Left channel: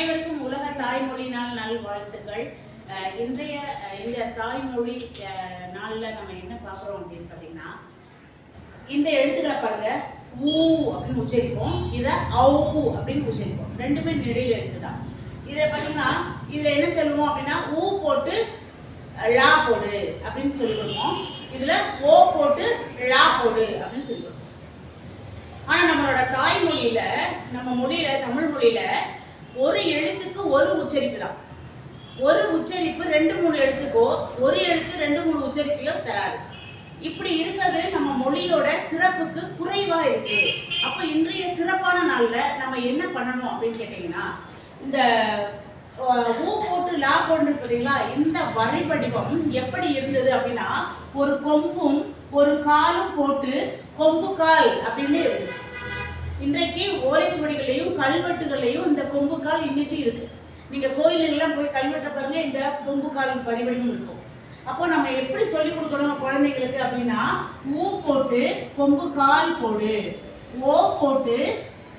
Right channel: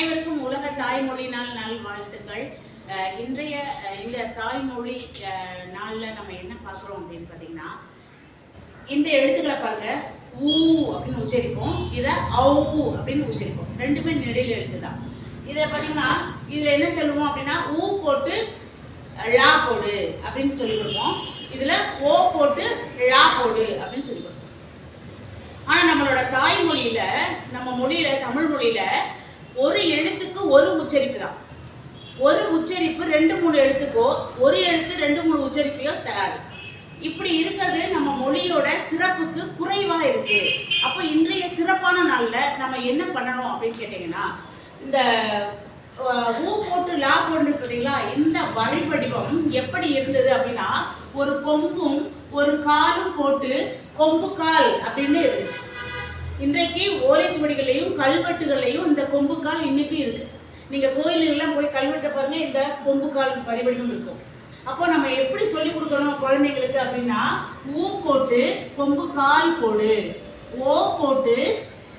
அனைவருக்கும் உலக தாய்மொழி நாள் நல்வாழ்த்துக்கள். இன்றைய இந்த தாய்மொழி நாளில் நம்ம என்ன பார்க்குறோம் அப்படின்னு பார்த்தீங்கன்னா, இந்த எழுத்துக்களை பாருங்க, ஊ அப்படின்னு உச்சரிப்போம், இதை ஔ அப்படின்னு உச்சரிப்போம். ரெண்டுமே நெடில் எழுத்து தான். இதில் பார்த்தீங்கன்னா இதில் என்ன சொல்லுவோம் அப்படின்னா, ஊ போட்டு லா போடு அப்படின்னு சொல்லி கொடுப்போம். இதில் ஓ போட்டு லா போடு அப்படின்னு சொல்லி கொடுப்போம். ஆனால் நம்மளோட தாய்மொழியில், நம்ம மொழியில், தமிழ் மொழியில் ஒரு எழுத்துக்கு ஒரு உச்சரிப்பு தான். ஒரு உச்சரிப்பு 2-3 எழுத்துக்கோ, ஒரு எழுத்து 2-3 உச்சரிப்பையோ தராது. இப்படி இருக்கிறது நம்ம மொழியோட சிறப்புக்கு குறைவாக இருக்கு. அப்போ இன்றைய சிறப்பான நாளில் நம்ம என்ன பண்ணணும் அப்படின்னு கேட்டிங்கன்னா, இந்த ஊ போட்டு லா போட்டு பார்த்தீங்களா, இந்த வரி வடிவம் எப்படி இருந்தது அப்படின்னா, ஒரு கொம்பும் ஒரு காலும் போட்டு கொம்பு கால் அப்படின்னு இருந்துச்சு. இன்றைக்கு ஓலைச்சுவடிகளையும் கல்வெட்டுகளையும் இந்த கொம்புக்கால் இன்னைக்கு இருக்கு. நீங்க கோயிலுக்கெல்லாம் போய் கல்வெட்டை பாருங்க, இந்த கொம்புக்கால் பரிவடிவம் இருக்கும். அப்போ நம்ம எப்படி சொல்லி கொடுக்கணும் குழந்தைங்களுக்கு அப்படின்னா, ஊ போட்டு கொம்பு கால் போடு, ஓ போட்டு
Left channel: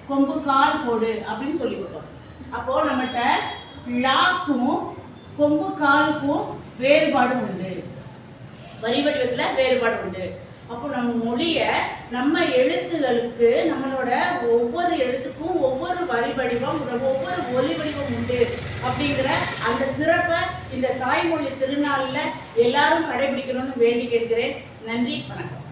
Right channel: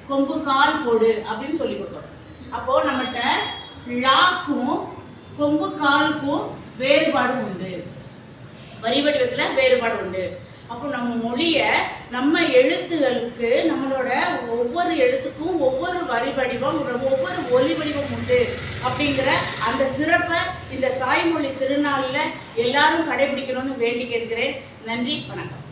கொம்பு கால் போடு அப்படின்னு சொல்லி கொடுக்கணும். அப்போ நம்மகிட்ட லாக்கும் கொம்பு காலுக்கும் வேறுபாடு உண்டு, வரி வடிவத்தில் வேறுபாடு உண்டு. அப்போ நம்ம மொழியை, நம்ம எழுத்துகளுக்கு, நம்மளோட ஒவ்வொரு எழுத்துக்கும் ஒவ்வொரு வரி வடிவம், ஒவ்வொரு ஒலி வடிவம் உண்டு அப்படிங்கிற அந்த சிறப்பை இந்த தாய்மொழி திருநாளில் எல்லாரும் கடைபிடிக்கணும்னு வேண்டி கேட்கிறேன். நன்றி, வணக்கம்.